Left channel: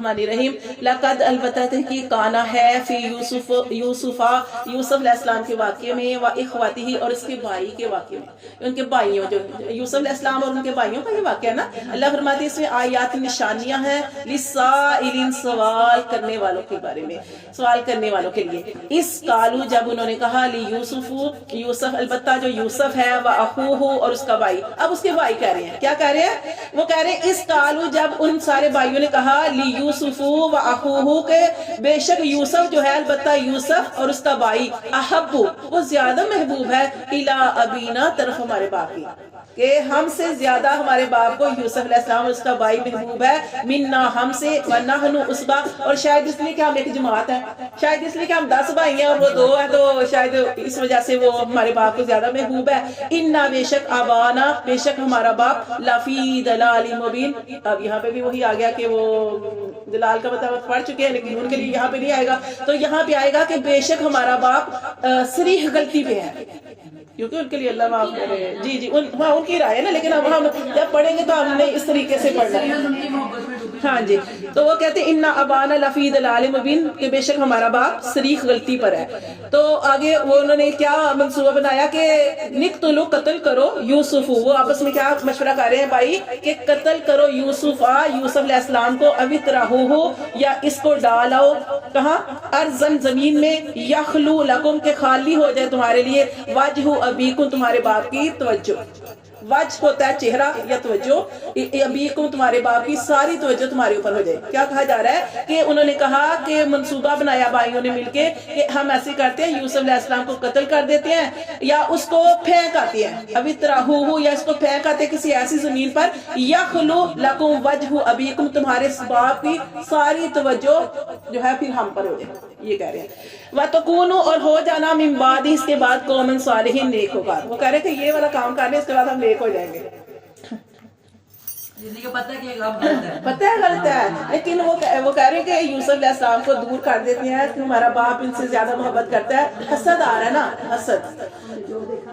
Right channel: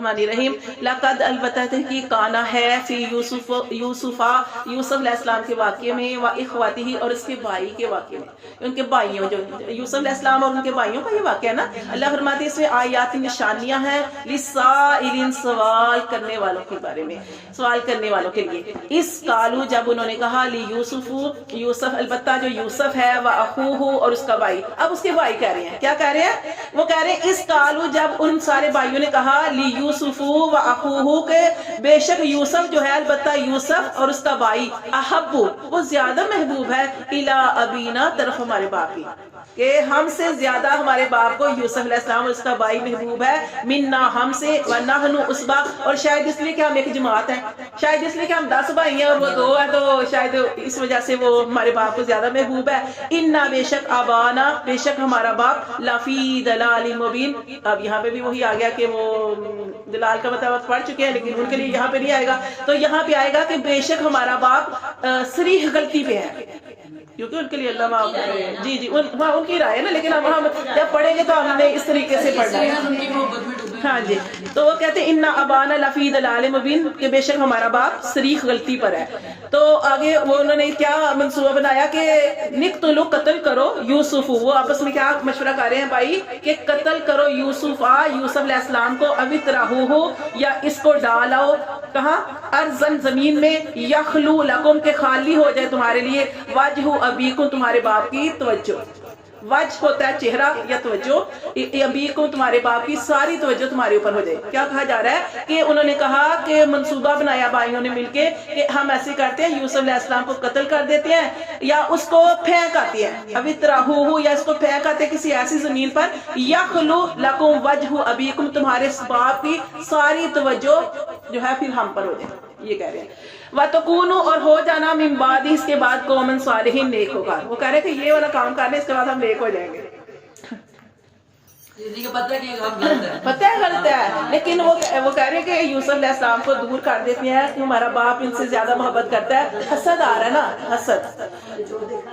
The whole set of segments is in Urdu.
رحیم لقد البتہ تحقیق کانا ہے فی یوسف علیہ السلام کے واقعے میں و اخواتی اور اس کے بھائی کے واقعے میں، ان کے بھائیوں جو یوسف علیہ السلام اور ان کے بھائیوں کا یہ واقعہ ہے نا، اللہ فرماتے ہیں اس میں آیات نشانیاں ہیں للسائلین سوال کرنے والوں کے بارے میں، سوال کرنے والوں کے لیے۔ اس قالو جب انہوں نے کہا یوسف البتہ جو یوسف ہے و اخوہ اور اس کا بھائی، اب اس کے بھائی کہہ رہے ہیں، کیا کہہ رہے ہیں؟ وہ کہہ رہے ہیں اس قالو جب ان سارے بھائیوں نے کہا یوسف و اخوہ کے بے شک یوسف جو ہے البتہ یوسف اور اس کا بھائی احب وہ زیادہ محبوب ہے الی ابینا طرف ہمارے باپ کی، کہ ہم سے زیادہ ہمارے باپ کو یوسف علیہ السلام اور اس کا بھائی محبوب ہے، منا ہم سے ونحن عصبہ اور شاید اس لیے کہ ہم ایک جماعت ہیں، شاید اس لیے کہ ہم 10 بھائی ہیں اور وہ 2 ہیں تو شاید اس وجہ سے وہ ہمارے باپ کو زیادہ محبوب ہے۔ انا بے شک ابانا بے شک ہمارا باپ لفی دلال مبین، اب یہاں پہ بھی وہی آ گیا کہ وہ دلال کا مطلب پڑھ چکے ہیں لیکن ان کے لیے یہاں پہ نہیں آئے گا، تو یہاں پہ آئے گا کہ بے شک ہمارا باپ صریح غلطی پہ ہے، کیونکہ ان کے لیے اللہ معاف کرے۔ جی ان کی رائے ہے نا، لیکن اب ہم جب پڑھیں گے تو ہم نے اس طریقے سے پڑھنا ہے۔ ہاں جی، تو وہ کہتے ہیں انا ابانا لفی دلال مبین کہ بے شک ہمارا باپ صریح غلطی پر ہے۔ تو آگے وہ انہوں نے کیا منصوبہ بنایا کہ نقتلو قتل کرو یوسف، وہ آپس میں کیا مشورہ کر رہے ہیں بھائی کہ قتل کرو یوسف علیہ السلام کو، ابھی تراہو ہو یا اس کو ڈالاؤ کہاں ارضن زمین میں، یخلو لکم کے خالی ہو جائے تمہارے لیے، وجہ ابیکم تمہارے باپ کی توجہ، وجہ ہوتا ہے چہرہ یا توجہ، ابیکم تمہارے باپ کی ساری توجہ تمہارے اوپر ہو جائے۔ کیا کہا جا رہا ہے کہ انہوں نے کہا کہ منصوبہ بنایا بھائیوں نے مل کے کہ ہم ایسے کرتے ہیں یوسف علیہ السلام کو قتل کر دیتے ہیں یا اس کو پھینک آتے ہیں، ابھی تراہو یا اس کو پھینک آتے ہیں کسی ایسی زمین پر، یخلو لکم وجہ ابیکم تمہارے باپ کی ساری توجہ جو ہے پھر ہم پر ہو جائے، یہ کہہ رہے ہیں۔ وَتَكُونُوا اور ہو جانا من بعد اس کے بعد قومًا صالحین نیکوکار، وہ کہہ رہے ہیں کہ یہ والا کام کر لیں اس کے بعد ہم نیک ہو جائیں گے۔ پتہ ہے غلط ہے، لیکن وہ کہہ رہے ہیں کہ یوسف علیہ السلام کو دور کر دیتے ہیں کہ ہمارا باپ ان سے زیادہ محبت کرتا ہے، حسد آ رہا ہے نا، حسد،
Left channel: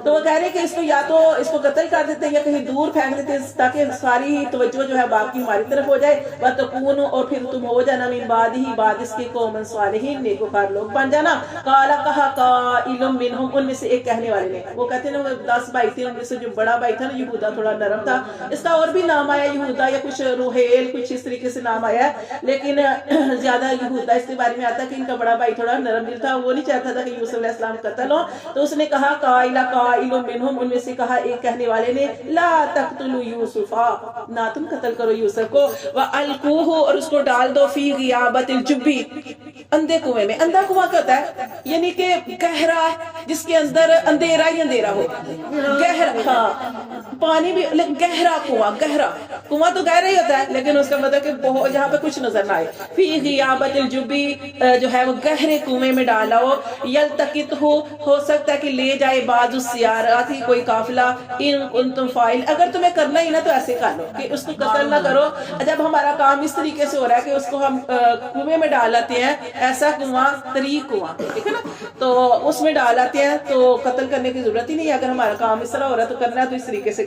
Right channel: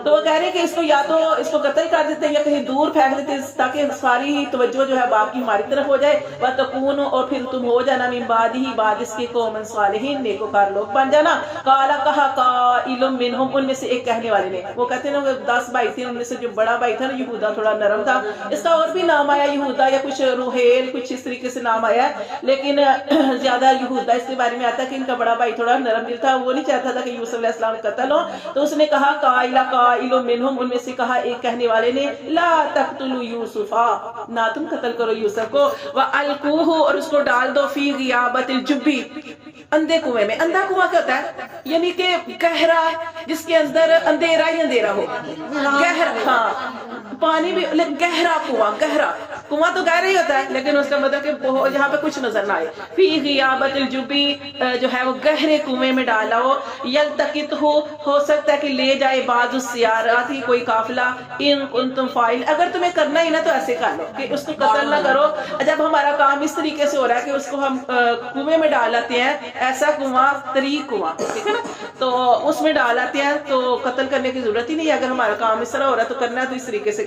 تو وہ کہہ رہے ہیں کہ اس کو یا تو اس کو قتل کر دیتے ہیں یا کہیں دور پھینک دیتے ہیں تاکہ ساری ہی توجہ جو ہے باپ کی ہماری طرف ہو جائے۔ وَتَكُونُوا اور پھر تم ہو جانا من بعد ہی بعد اس کے قوم صالحین نیکوکار لوگ بن جانا۔ قَالَ کہا قائل منہم ان میں سے ایک کہنے والے نے، وہ کہتے ہیں نا وہ 10 بھائی تھے، ان میں سے جو بڑا بھائی تھا نا یہودا تھوڑا نرم تھا، اس کا اور بھی نام آیا یہودا یا کچھ روحیل کچھ اس طریقے سے نام آیا ہے، لیکن زیادہ یہودا اس کے بارے میں آتا ہے کہ ان کا بڑا بھائی تھوڑا نرم دل تھا، وہ نہیں چاہتا تھا کہ یوسف علیہ السلام قتل ہو، تو اس نے کہا قائل منہم ان میں سے کہا ایک کہنے والے نے لا تقتلوا یوسف نہ تم قتل کرو یوسف کو، والقوہ اور اس کو ڈال دو فی غیابت الجب اندھے کنویں میں۔ اندھا کنواں کیا ہوتا ہے؟ یعنی کہ گہرا جس کے اندر اندھیرا ہی اندھیرا ہو، گہرا، ہاں پانی بھی گہرا کنواں، گہرا کنواں تو گہرا ہی ہوتا ہے لیکن اس کا مطلب کہ جہاں پہ کچھ نظر نہ آئے، فی غیابت الجبی جو ہے وہ گہرے کنویں میں ڈالا ہو، یلتقط ہو سکتا ہے کہ لے جائے بعض السیارات ہی کوئی قافلہ، ان کنتم فاعل اگر تمہیں کرنا ہی نا تو ایسے کر لو کہ اس کو قتل نہ کرو، جب ہمارا کام اس طریقے سے ہو رہا ہے کہ اس کو ہم کنویں میں ڈال آتے ہیں، ایسا کنواں طریق کنواں، ٹھیک ہے نا، تو اس میں ڈال آتے ہیں تو قتل کرنے کی ضرورت ہی نہیں ہے، اگر ہمارا کام اس طرح ہو رہا ہے تو کرنا ہے تو اس طریقے سے